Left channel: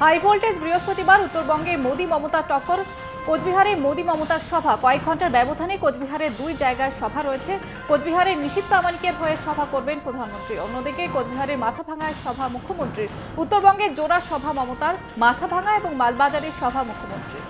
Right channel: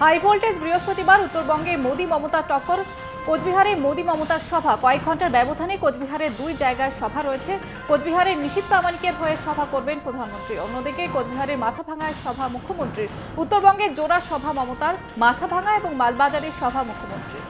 High voltage বৃহস্পতিবার উত্তরবঙ্গে মোদি মমতার টক্কর। কোচবিহারে মোদি মমতার সভা, কয়েক ঘন্টার ব্যবধানে কোচবিহারের দুই জায়গায় সভা রয়েছে। কোচবিহারে নিশীথ প্রামাণিকের হয়ে সভা করবেন প্রধানমন্ত্রী, অন্যদিকে কোচবিহারের মাথাভাঙায় সভা মুখ্যমন্ত্রীর। উত্তরবঙ্গের জোড়া সভা মমতার, মাথাভাঙা এবং মালবাজারের সভা মুখ্যমন্ত্রী।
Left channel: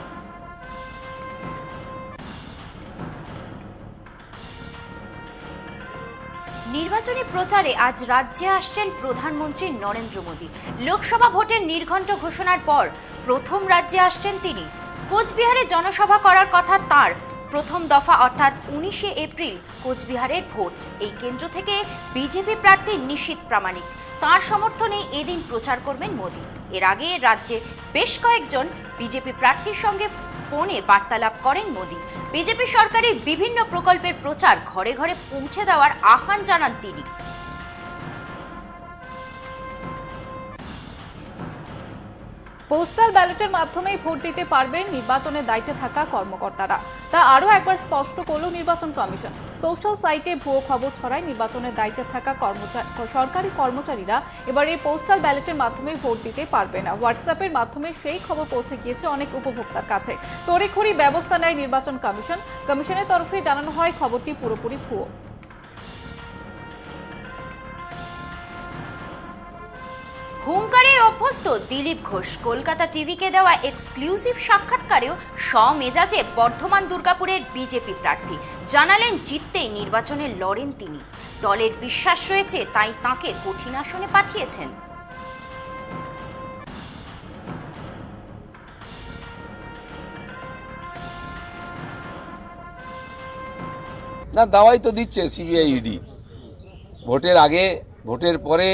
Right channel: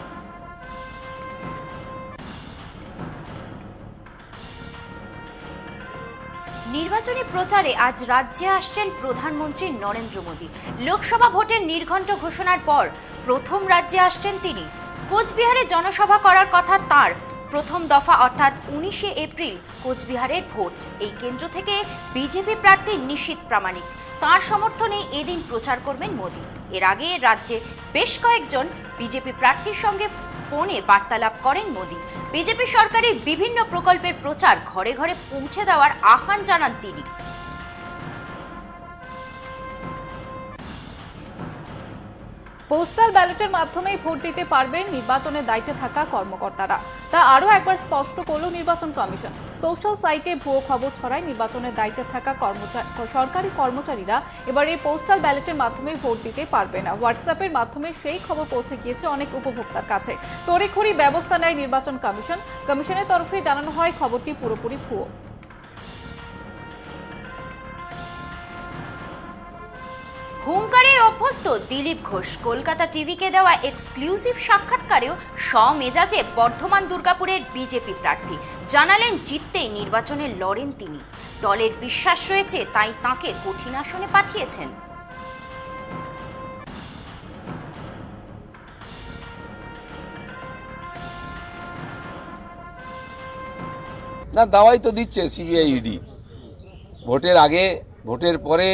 নির্বাচনী প্রচারে আজ রাজ্যে আসছেন প্রধানমন্ত্রী নরেন্দ্র মোদী। লোকসভা ভোটের নির্ঘণ্ট ঘোষণার পর প্রথম রাজ্যে আসছেন তিনি। কোচবিহারে জনসভা করার কথা তার। প্রথম দফা অর্থাৎ 19শে এপ্রিল কোচবিহারের ভোট। এই কেন্দ্র থেকে বিজেপি প্রার্থী নিশীথ প্রামাণিক, তার সমর্থনে এদিন প্রচার করবেন মোদী। এর আগে রাজ্যে বেশ কয়েকজন বিজেপি প্রার্থীর সঙ্গে ফোনে বার্তালাপ করেন মোদী। বিজেপি সরকারের বিভিন্ন প্রকল্পের প্রচার ঘরে ঘরে পৌঁছে দেওয়ার আহ্বান জানান তিনি। পোস্টাল ব্যালটের মাধ্যমে ভোট দিতে পারবেন নির্বাচনের দায়িত্বে থাকা কর্মকর্তারা, তা আরও একবার স্পষ্ট করল নির্বাচন কমিশন। সোশ্যাল সাইটে ভুয়ো খবর ছড়ায় নির্বাচনের দায়িত্বে থাকা সরকারি কর্মচারীরা এবার এই পোস্টাল ব্যালটের মাধ্যমে ভোট দিতে পারবে না। হোয়াটসঅ্যাপের মাধ্যমে সেই খবর পৌঁছে গিয়েছে অনেক উপভোক্তার কাছে। তড়িঘড়ি ব্যবস্থা নেয় নির্বাচন কমিশন। কমিশনের তরফে জানানো হয় খবরটি পুরোপুরি ভুয়ো। হুঙ্কারে অভ্যস্ত দিলীপ ঘোষ কলকাতা টিভিকে দেওয়া এক্সক্লুসিভ সাক্ষাৎকারেও স্বমেজাজে বর্ধমান দুর্গাপুরের বিজেপি প্রার্থী জানালেন জিততেই নির্বাচনে লড়েন তিনি। দলের বিশ্বাস রয়েছে, তাই তাকে কঠিন আসনে পাঠিয়েছেন। না, দাওয়াই তো দিচ্ছে সিবিআই ইডি। ভোটের আগে ভোটের পরে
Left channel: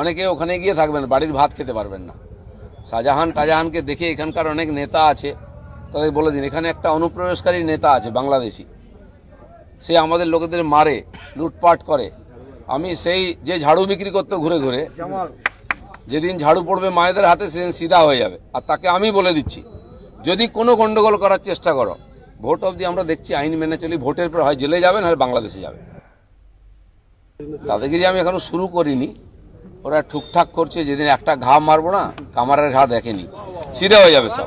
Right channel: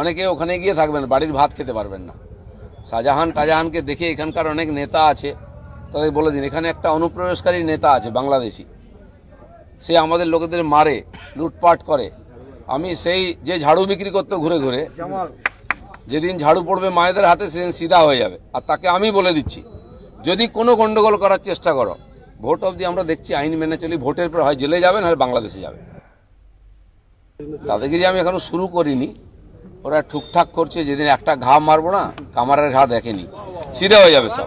অনেকে ওখানে গিয়ে থাকবেন, বাড়ির ভাত খেতে পারবেন না। শাহজাহানকে দেখে এখানকার অনেক নেতা আছে, তাদের বলে দিন এখানে একটা অনুপ্রবেশকারী নেতা আছে বাংলাদেশি, সে আমাদের লোকেদের মারে, লুটপাট করে। আমি সেই যে ঝাড়ু বিক্রি করতে ঘুরে ঘুরে, যেদিন ঝাড়ু পড়বে মায়েদের হাতে সেদিন সিধা হয়ে যাবে। আর তাকে আমি বলে দিচ্ছি, যদি কোনো গন্ডগোল করার চেষ্টা করো, ভোট অবধি আমরা দেখছি আইন মেনে চলি, ভোটের পর হয় জেলে যাবেন হয় বাংলাদেশে যাবে। দাদাগিরি আমি এখনো শুরু করিনি, ওরা ঠুকঠাক করছে। যেদিন একটা ঘা মারবো না, কামারের ঘা দেখেনি, সিধা হয়ে যাবে সব।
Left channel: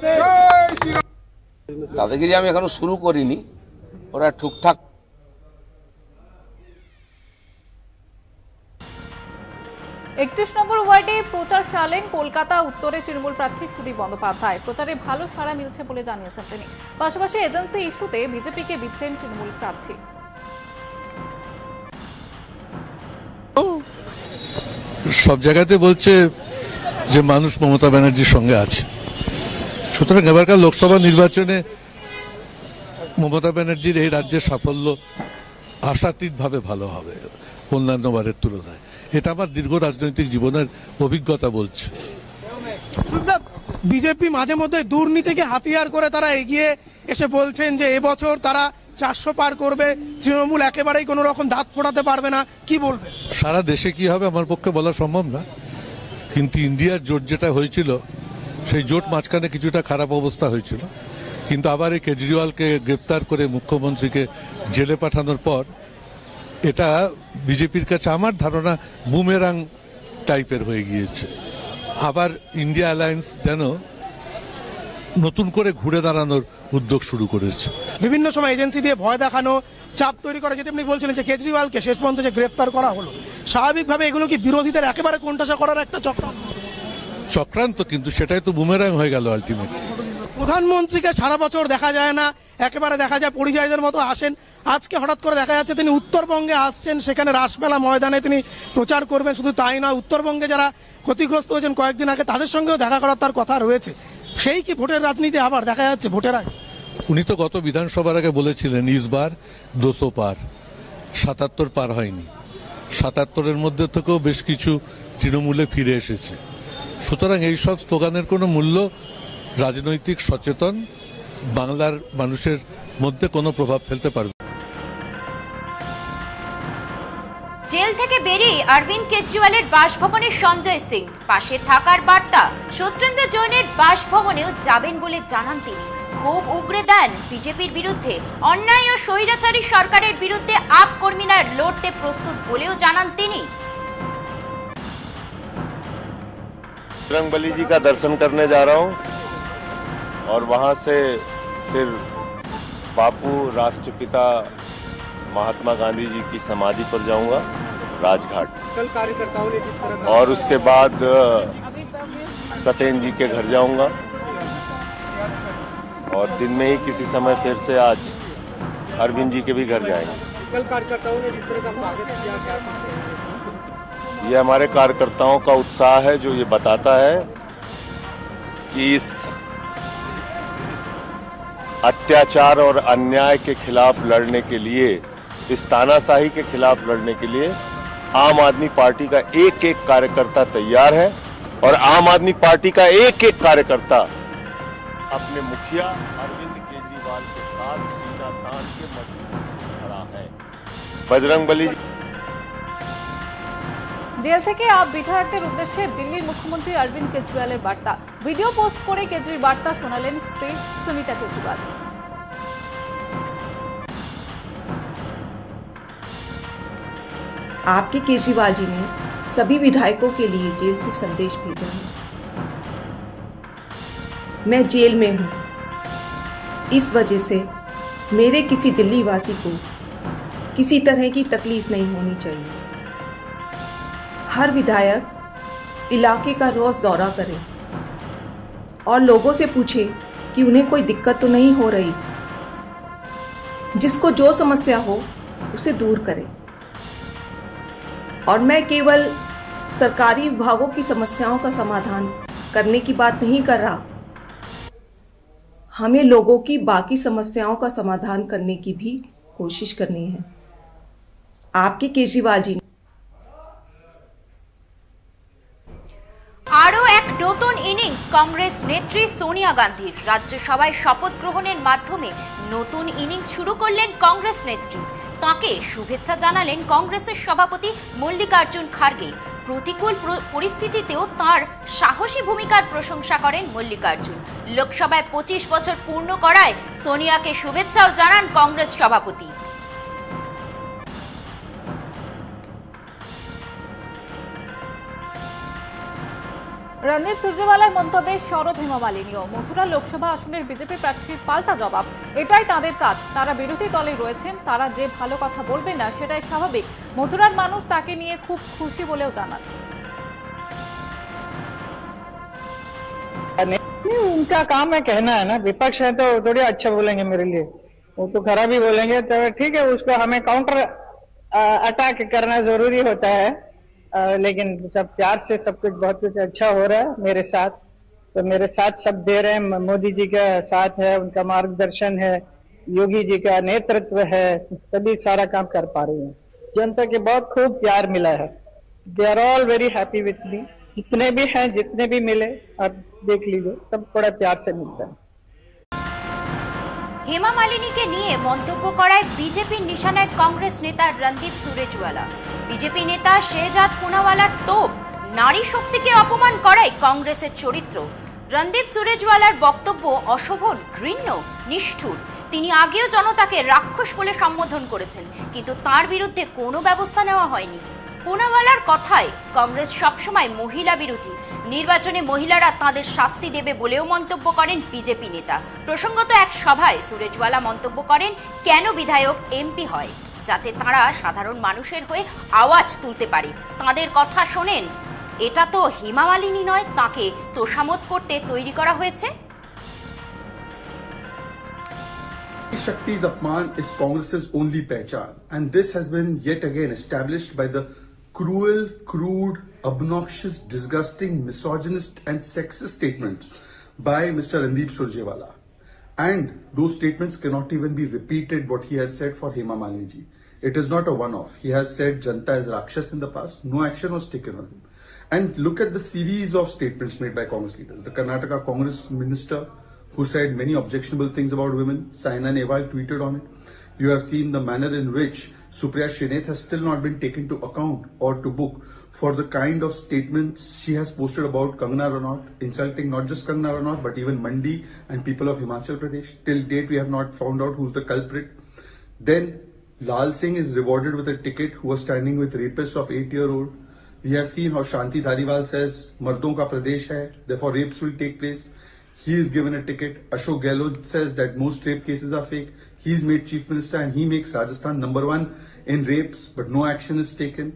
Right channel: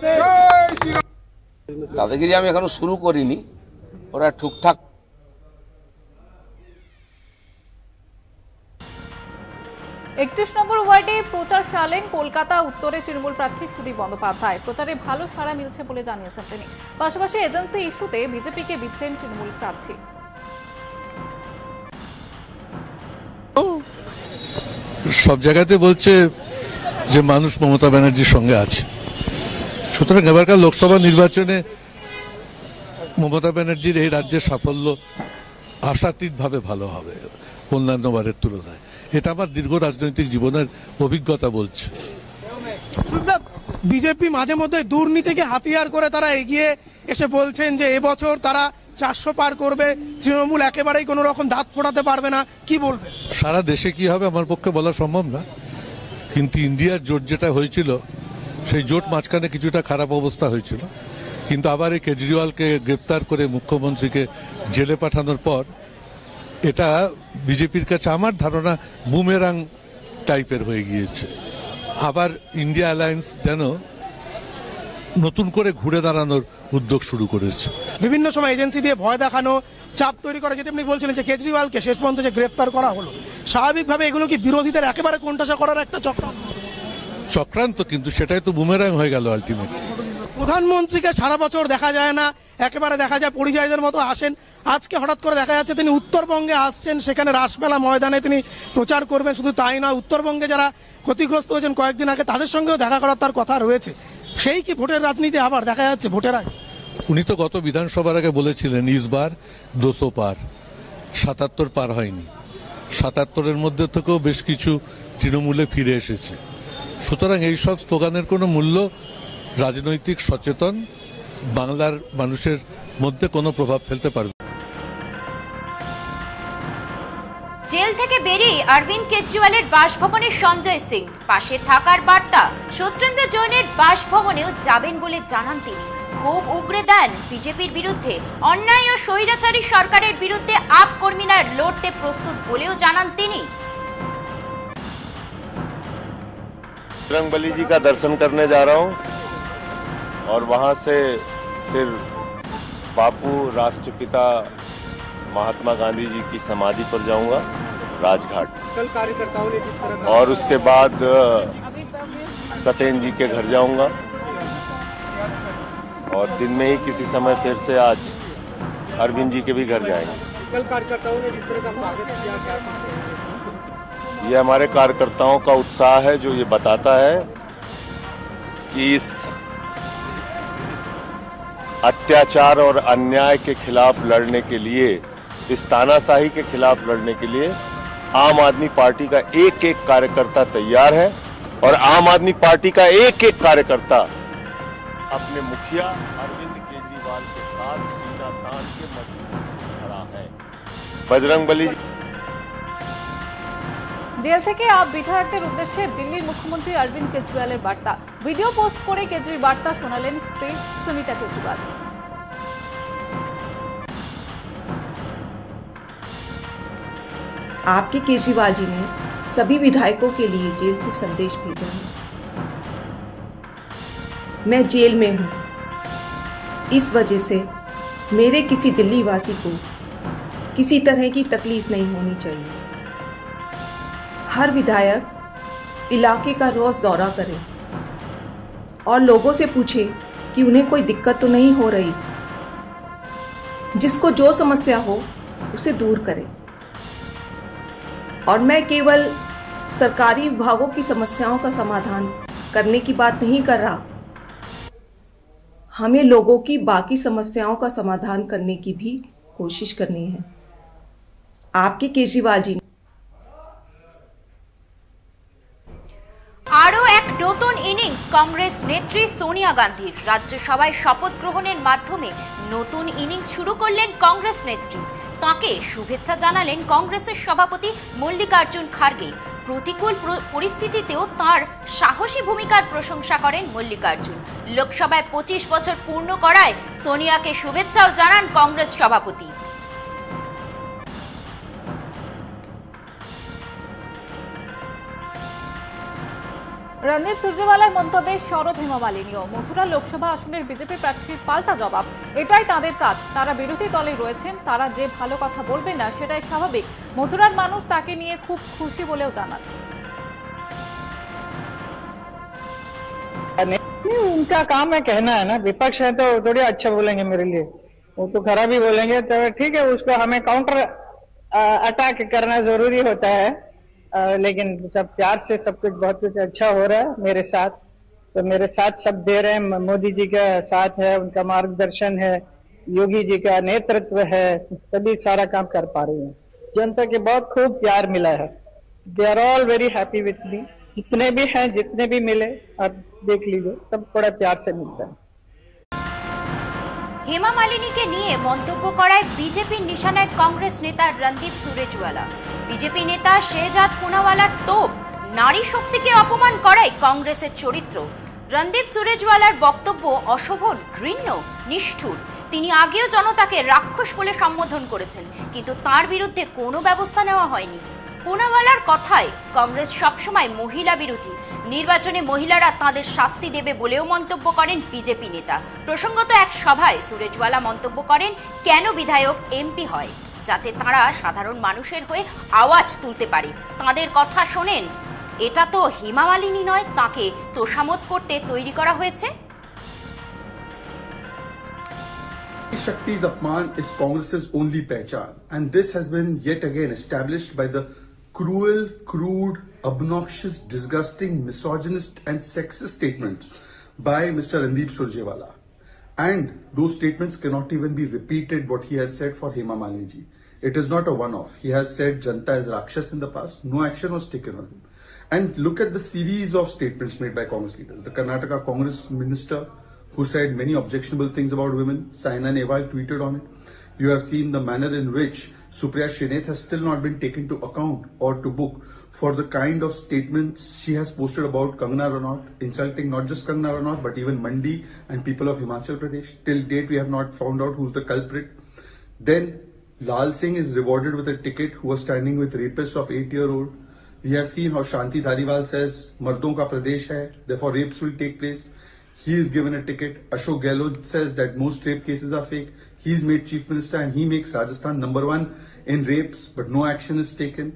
দাদাগিরি আমি এখনো শুরু করিনি, ওরা ঠুকঠাক। 31 নম্বর ওয়ার্ডে প্রচার চালালেন কলকাতা উত্তরের তৃণমূল প্রার্থী সুদীপ বন্দ্যোপাধ্যায়। প্রচারে ভালো সাড়া মিলছে বলে জানিয়েছেন তিনি। পাশাপাশি এজেন্সি ইস্যুতে বিজেপিকে বিধলেন তৃণমূল প্রার্থী। সব জায়গাতে বলছে যে মানুষ মমতা ব্যানার্জির সঙ্গে আছে। সুতরাং এবারকার লোকসভা নির্বাচনে মমতা ব্যানার্জির এই রাজ্যের সাফল্য আশাতীতভাবে ভালো হবে অন্যান্য বারের তুলনায়। এটা আমার দীর্ঘ রাজনৈতিক জীবনের অভিজ্ঞতা বলছে। বিজেপি মাঝে মধ্যে দুর্নীতিকে হাতিয়ার করে তারা এগিয়ে এসে বলছেন যে এবছর তারা 400 পার করবে, তৃণমূল একেবারেই কোনো রকম দাঁত ফোটাতে পারবে না, কি বলবে? সারা দেশে কি হবে আমার পক্ষে বলা সম্ভব না, কিন্তু ইন্ডিয়ার জোট যেটা হয়েছিল সেই জোট মাঝখানে কিছুটা খারাপ অবস্থা হয়েছিল, কিন্তু আবার এই কেজরিওয়ালকে গ্রেপ্তার করে মুখ্যমন্ত্রীকে জেলে পাঠানোর পর এটা বিজেপির কাছে আমার ধারণা বুমেরাং টাইপের হয়ে গিয়েছে। আবার ইন্ডিয়া অ্যালায়েন্স যেন নতুন করে ঘুরে দাঁড়ানোর উদ্যোগ শুরু করেছে। বিভিন্ন সময় এজেন্সি দিয়ে ভয় দেখানো, চাপ তৈরি করা, যেটা আপনি বলছিলেন যে কেজরিওয়ালকে শেষ পর্যন্ত যে গ্রেফতার করা হলো, স্বাভাবিকভাবে এগুলো কি বিরোধীদের একেবারে কোণঠাসা করার একটা চক্রান্ত? কিন্তু সেটাই তো বুমেরাং হয়ে গেল আলটিমেটলি। প্রধানমন্ত্রীকে সারা বছর দেখা যায় না, একেবারে দেখা যায় পরিযায়ীদের মতো আসেন। আজকে হঠাৎ করে দেখা যাচ্ছে তিনি উত্তরবঙ্গে আসছেন, সেখানে রাসমেলা ময়দানে তিনি প্রচার করবেন। শুধু তাই নয়, উত্তরবঙ্গে যারা ক্ষতিগ্রস্ত হয়েছেন কয়েকদিন আগে তাদের সঙ্গেও দেখা করার তার কথা রয়েছে। সেই কি ভোটের রাজনীতি আবার দেখা যাচ্ছে ভোটের আগে? উনি তো গত বিধানসভার আগে বলেছিলেন ইসবার 200 পার, 77 পার হয়নি। 77-এর মধ্যে থেকেও বেশ কিছু তৃণমূলে ফিরে এসেছে। সুতরাং এইসব স্লোগানের কোনো মূল্য রাজনৈতিক সচেতন বাংলার মানুষের মধ্যে কোনো প্রভাব ফেলতে পারবে। জেল থেকে বেরিয়ে অরবিন্দ কেজরিওয়ালের বাসভবনে সঞ্জয় সিং, পাশে থাকার বার্তা। সত্যেন্দ্র জৈনের বাসভবনেও যাবেন বলে জানান তিনি। খুব উগরে দেন বিজেপির বিরুদ্ধে। অন্যায় ও স্বৈরাচারী সরকারের বিরুদ্ধে আপ কর্মীরা লড়তে প্রস্তুত বলেও জানান তিনি। बजरंगबली जी का दर्शन करने जा रहा हूं और वहां से फिर बापू राष्ट्रपिता महात्मा गांधी जी की समाधि पर जाऊंगा राजघाट। कल कार्यकर्ताओं ने जिस तरह और उसके बाद सत्येंद्र जी के घर जाऊंगा और दिन में ही किसी समय फिर से आज अरविंद जी के भी घर जाएंगे। कल कार्यकर्ताओं ने जिस तरह का स्वागत किया, क्या ये हमारे कार्यकर्ताओं का उत्साह है जो ये बताता है कि इस अत्याचार और अन्याय के खिलाफ लड़ने के लिए, इस तानाशाही के खिलाफ लड़ने के लिए आम आदमी पार्टी का एक एक कार्यकर्ता तैयार है और आम आदमी पार्टी का एक एक कार्यकर्ता अपने मुखिया अरविंद केजरीवाल के साथ सीना तान के मजबूती से खड़ा है। बजरंगबली জেল থেকে আপ বিধায়কদের উদ্দেশ্যে দিল্লির মুখ্যমন্ত্রী অরবিন্দ কেজরিওয়ালের বার্তা। ভিডিও পোস্ট করে কেজরির বার্তা শোনালেন স্ত্রী সুনিতা কেজরিওয়াল। आपके केजरीवाल जी ने सभी विधायकों के लिए जेल से संदेश भेजा है। मैं जेल में हूं, इस वजह से मेरे किसी दिल्ली वासी को किसी तरह की तकलीफ नहीं होनी चाहिए। हर विधायक इलाके का रोज दौरा करे और लोगों से पूछे कि उन्हें कोई दिक्कत तो नहीं हो रही, जिसको जो समस्या हो उसे दूर करे। और मैं केवल सरकारी विभागों की समस्याओं का समाधान करने की बात नहीं कर रहा, हमें लोगों की बाकी समस्याओं का समाधान करने की भी कोशिश करनी है। आपके केजरीवाल जी আরও এক নতুন ইনিংস কংগ্রেস নেত্রী সোনিয়া গান্ধীর। রাজ্যসভায় শপথ গ্রহণের মাধ্যমে নতুন ইনিংস শুরু করলেন কংগ্রেস নেত্রী। তাকে শুভেচ্ছা জানালেন কংগ্রেসের সভাপতি মল্লিকার্জুন খার্গে। প্রতিকূল পরিস্থিতিতেও তার সাহসী ভূমিকার প্রশংসা করেন মল্লিকার্জুন। লোকসভায় 25 বছর পূর্ণ করায় সোনিয়াকে শুভেচ্ছাও জানান কংগ্রেস সভাপতি। রণদীপ সুরজেওয়ালার মন্তব্যে সরব হেমা মালিনীও। মথুরা লোকসভা আসনের বিজেপি প্রার্থীর পাল্টা জবাব, এটাই তাদের কাজ। তারা বিরোধী দলে রয়েছেন, তারা যে ভালো কথা বলবেন না সেটাই স্বাভাবিক। মথুরার মানুষ তাকে নিয়ে খুব খুশি বলেও জানান। उनका काम है कहना है ना, विपक्ष है तो थोड़ी अच्छा बोलेंगे मेरे लिए, वो तो खराब ही बोलेंगे। तो ठीक है, उसको हमें काउंटर अटैक करना जरूरी होता है, लेकिन सब प्यार से सब कुछ बहुत कुछ अच्छा हो रहा है मेरे साथ। मेरे साथ सब दे रहे हैं, मोदी जी का साथ है, उनका मार्गदर्शन है, योगी जी का नेतृत्व है, तभी सारा काम कर पा रही हूँ। जनता के बहुत खूब प्यार मिला है, they are all very happy with me. जितने भी हैं, जितने भी मिले, आप देख लीजिए, सब बड़ा प्यार से मिलता है। হেমা মালিনীকে নিয়ে মন্তব্য করায় বিজেপির নিশানায় কংগ্রেস নেতা রণদীপ সুরজেওয়ালা। বিজেপি নেতা শেহজাদ পুনাওয়ালার তোপ, নারী শক্তিকে অপমান করায় কংগ্রেসের চরিত্র। রণদীপ সুরজেওয়ালার বক্তব্য অশোভন, ঘৃণ্য, নিষ্ঠুর। তিনি আগেও জনতাকে রাক্ষস বলে সম্বোধন করেছেন, কিন্তু তার বিরুদ্ধে কোনো ব্যবস্থা নেওয়া হয়নি। পুনাওয়ালার কথায় কংগ্রেস সবসময় মহিলা বিরোধী, নির্বাচনে মহিলারা তাদের শাস্তি দেবে বলেও মন্তব্য করেন বিজেপি নেতা। প্রসঙ্গত এক সভায় সুরজেওয়ালা মন্তব্য করেন, কেন বিধায়ক এমপি হয়, যাতে তারা সাধারণ মানুষের হয়ে আওয়াজ তুলতে পারে। তাদের কথা শোনেন, এটা তো হেমা মালিনী নয়, তাকে তোষামোদ করতে তৈরি করা হয়েছে। Shakti's apman is Congress's only pehchan, and this has been yet again established by the cruel, crude, obnoxious, disgusting, misogynist and sexist statements by Mr. Randip Surjewala. And those statements cannot even be repeated what he has said for Hema Malini ji. It is not a one-off. He has said Janta is Rakshas in the past. No action was taken on him. And look at the series of statements made by Congress leaders. The Karnataka Congress minister who said many objectionable things about women, Saina Nehwal tweeted on it. You have seen the manner in which Supriya Sheneth has still not been taken to account or to book for the kind of statements she has posted about Kangana Ranaut, insulting not just Kangana Ranaut but even Mandi and people of Himachal Pradesh. Till date we have not found out who's the culprit. Then Lal Singh is rewarded with a ticket who was standing with rapists of 8-year-old. We have seen how Shanti Dhariwal says, "Mardon ka pradesh hai, therefore rapes will take place." He is given a ticket. Ashok Gehlot says that most rape cases are fake. He is made chief minister and he makes Rajasthan #1 in rapes, but no action is taken.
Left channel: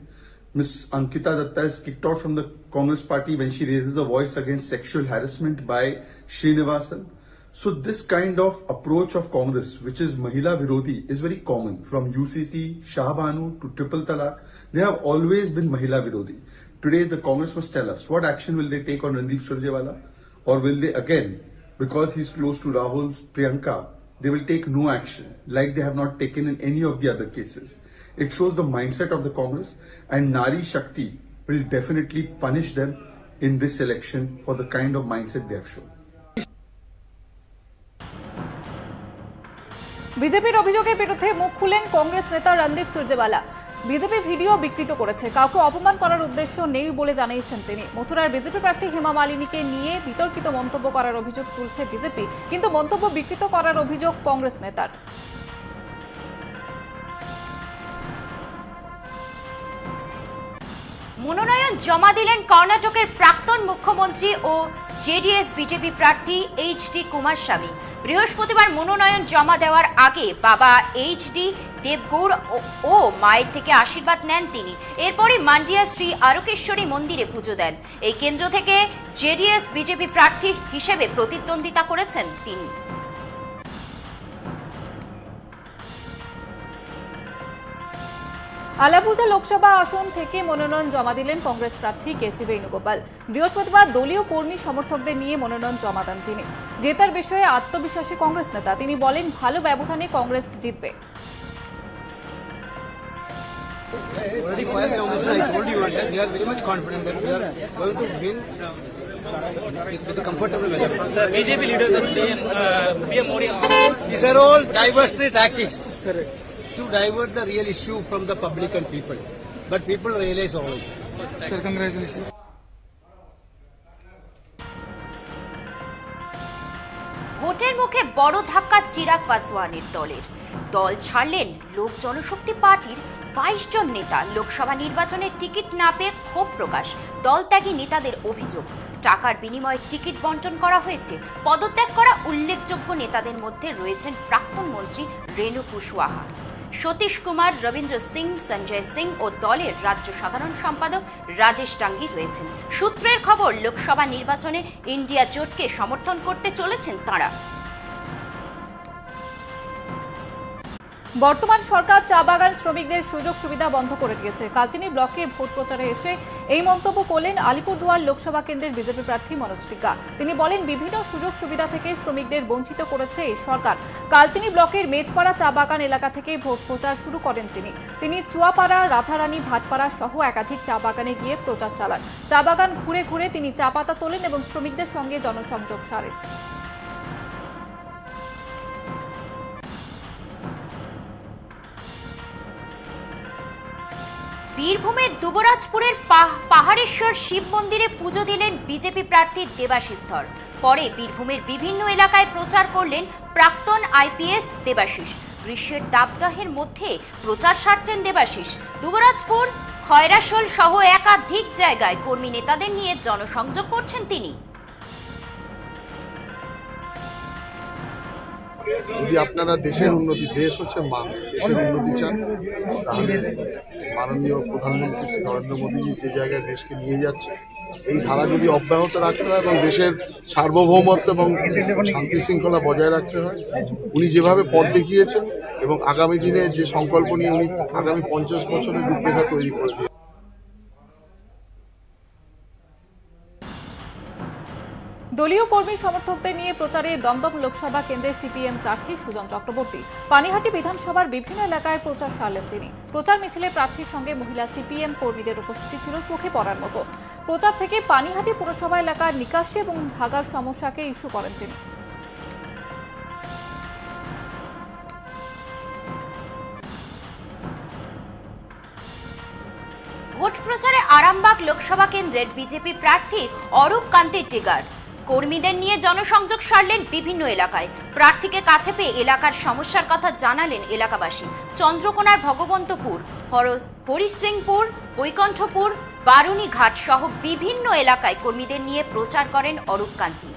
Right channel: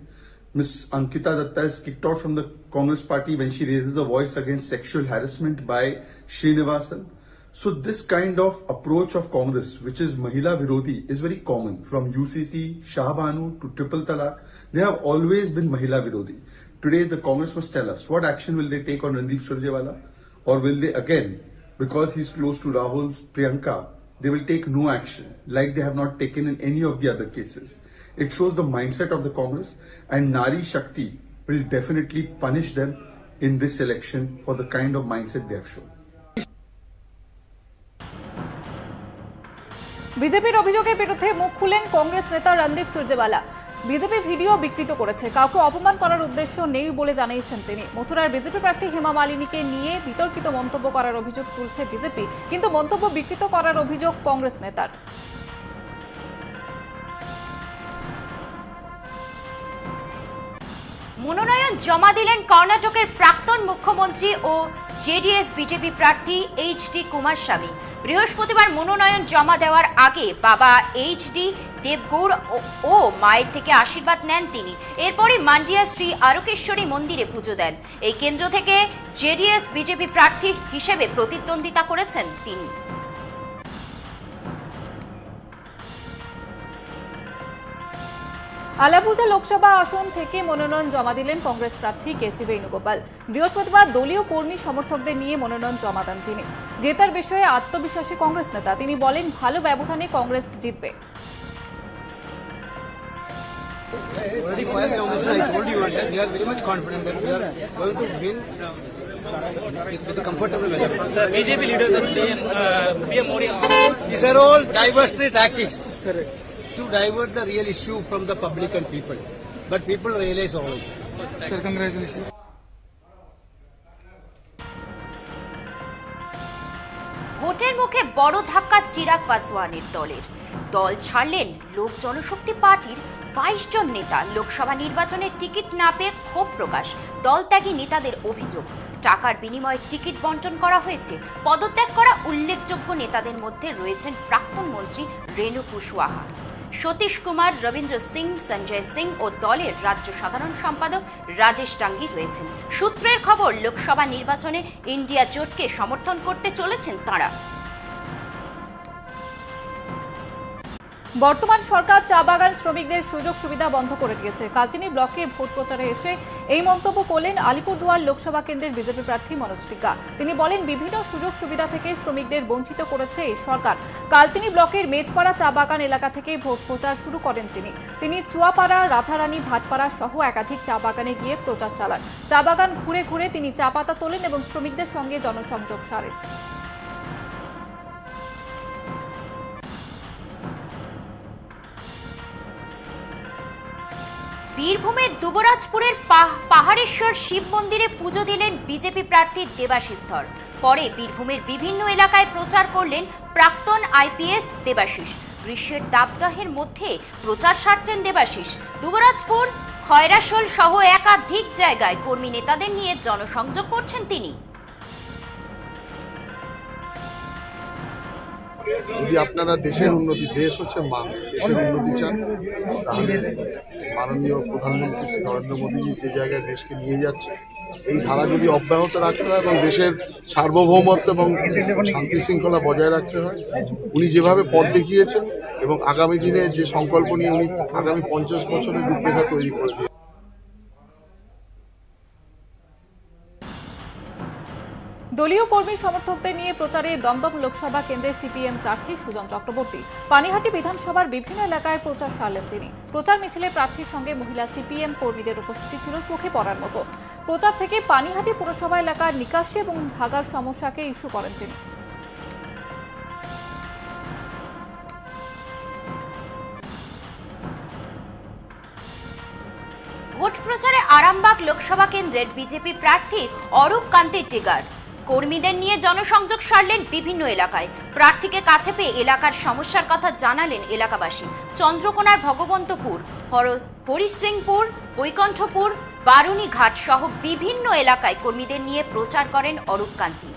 Ms. Ankita Datta is kicked out from the Congress party when she raises a voice against sexual harassment by Srinivasan. So this kind of approach of Congress, which is Mahila Virodhi, is very common. From UCC, Shahbanu to Triple Talaq, they have always been Mahila Virodhi. Today the Congress must tell us what action will they take on Randeep Surjewala, or will they again, because he's close to Rahul's Priyanka, they will take no action like they have not taken in any of the other cases. It shows the mindset of the Congress, and Nari Shakti will definitely punish them in this election for the kind of mindset they have shown. বিজেপির অভিযোগের বিরুদ্ধে মুখ খুলেন কংগ্রেস নেতা Randeep Surjewala. BJP video বিকৃত করেছে, কাউকে অপমান করার উদ্দেশ্য নেই বলে জানিয়েছেন তিনি। মথুরার বিজেপি প্রার্থী হেমা মালিনীকে নিয়ে বিতর্কিত মন্তব্য করার অভিযোগ তুলছে বিজেপি, কিন্তু মন্তব্য বিকৃত করার অভিযোগ কংগ্রেস নেতার। মনোনয়ন জমা দিলেন কর্ণাটকের প্রাক্তন মুখ্যমন্ত্রী ও জেডিএস বিজেপি প্রার্থী এইচ.ডি. কুমারস্বামী। বৃহস্পতিবার মনোনয়ন জমা দেওয়ার আগে বাবা এইচ.ডি. দেবগৌড় ও মায়ের থেকে আশীর্বাদ নেন তিনি। এরপরই মান্ডিয়া শ্রী আরকেশ্বরী মন্দিরে পুজো দেন। এই কেন্দ্র থেকে জেডিএস বিজেপি প্রার্থী হিসেবে প্রতিদ্বন্দ্বিতা করেছেন তিনি। আলাপুজা লোকসভা আসন থেকে মনোনয়ন জমা দিলেন কংগ্রেস প্রার্থী কেসি বেণুগোপাল। বৃহস্পতিবার দলীয় কর্মী সমর্থকদের নিয়ে মনোনয়ন জমা দেন তিনি। জেতার বিষয়ে আত্মবিশ্বাসী কংগ্রেস নেতা, তিনি বলেন ভালো ব্যবধানে কংগ্রেস জিতবে। BJP leaders and PM Modi, these are all diversity tactics to divert the real issue from the public and people, but people realize all it. Sir, congratulations. ভোটের মুখে বড় ধাক্কা চিরাগ পাসওয়ানের দলের। দল ছাড়লেন লোক জনশক্তি পার্টির 22 জন নেতা। লোকসভা নির্বাচনের টিকিট না পেয়ে ক্ষোভ প্রকাশ। দলত্যাগী নেতাদের অভিযোগ, টাকার বিনিময়ে টিকিট বণ্টন করা হয়েছে। পদত্যাগ করা উল্লেখযোগ্য নেতাদের মধ্যে রয়েছেন প্রাক্তন মন্ত্রী রেণু কুশওয়াহা, সতীশ কুমার, রবীন্দ্র সিং, সঞ্জয় সিং ও দলের রাজ্য সাধারণ সম্পাদক রাজেশ টাঙ্গি রয়েছেন। সূত্রের খবর, লোকসভা নির্বাচনে ইন্ডিয়া জোটকে সমর্থন করতে চলেছেন তাঁরা। বর্তমান সরকার চা বাগান শ্রমিকদের সুযোগ সুবিধা বন্ধ করে দিয়েছে। কালচিনি ব্লকে ভোট প্রচারে এসে এই মন্তব্য করলেন আলিপুরদুয়ার লোকসভা কেন্দ্রের বিজেপি প্রার্থী মনোজ টিক্কা। তিনি বলেন বিভিন্ন সুযোগ সুবিধা থেকে শ্রমিকদের বঞ্চিত করেছে এই সরকার। কালচিনি ব্লকের মেজপাড়া চা বাগান এলাকা থেকে ভোট প্রচার শুরু করেন তিনি। চুয়াপাড়া, রাধারানী, ভাটপাড়া সহ একাধিক চা বাগানে গিয়ে প্রচার চালান। চা বাগান ঘুরে ঘুরে তিনি চা পাতা তোলেন এবং শ্রমিকদের সঙ্গে জনসংযোগ সারেন। বীরভূমের দুবরাজপুরের পাহাড়েশ্বর শিব মন্দিরে পুজো দিলেন বিজেপি প্রার্থী দেবাশিস ধর। পরে বীরভূমের বিভিন্ন এলাকায় প্রচার করলেন প্রাক্তন আইপিএস দেবাশিস। গ্রীষ্মের দাবদাহের মধ্যে প্রচার সারছেন দেবাশিস। দুবরাজপুর, খয়রাশোল সহ একাধিক জায়গায় কর্মী নেতাদের নিয়ে জনসংযোগ করছেন তিনি। যদি আপনারা দেশের উন্নতি, দেশ হচ্ছে মা, দেশের উন্নতি চান, তাহলে মাননীয় প্রধানমন্ত্রী শ্রী নরেন্দ্র মোদীজি যে জায়গায় দেশকে নিয়ে যাচ্ছে, এই ধারা যদি অব্যাহত রাখতে হয় এবং দেশের সার্বভৌমত্ব এবং শান্তি শৃঙ্খলা বজায় রাখতে হয়, উনি যেভাবে পথ দেখিয়েছেন এবং আগামী দিনে যে সংকল্প নিয়ে উনি আগামী 50 বছরের রূপরেখা তৈরি করে দিয়েছেন। দলীয় কর্মী সমর্থকদের নিয়ে প্রচারে দমদম লোকসভা কেন্দ্রের সিপিএম প্রার্থী সুজন চক্রবর্তী। পানিহাটি বিধানসভার বিভিন্ন এলাকায় প্রচার সারলেন তিনি। প্রচার মিছিলে প্রার্থীর সঙ্গে মহিলা সিপিএম কর্মীদের উপস্থিতি ছিল চোখে পড়ার মতো। প্রচার থেকে পানিহাটি পুরসভা এলাকার নিকাশি এবং ভাগার সমস্যাকে ইস্যু করেন তিনি। ভোট প্রচারে আরামবাগ লোকসভা কেন্দ্রের বিজেপি প্রার্থী অরূপ কান্তি টিগার কর্মীদের নিয়ে জনসংযোগ সারলেন বিভিন্ন এলাকায়। প্রার্থীকে কাছে পেয়ে এলাকার সমস্যার কথা জানালেন এলাকাবাসী। চন্দ্রকোনার ভগবন্তপুর, হরিসিংপুর, বৈকুণ্ঠপুর, বারুণীঘাট সহ বিভিন্ন এলাকায় কর্মীদের নিয়ে প্রচার করেন অরূপ কান্তি।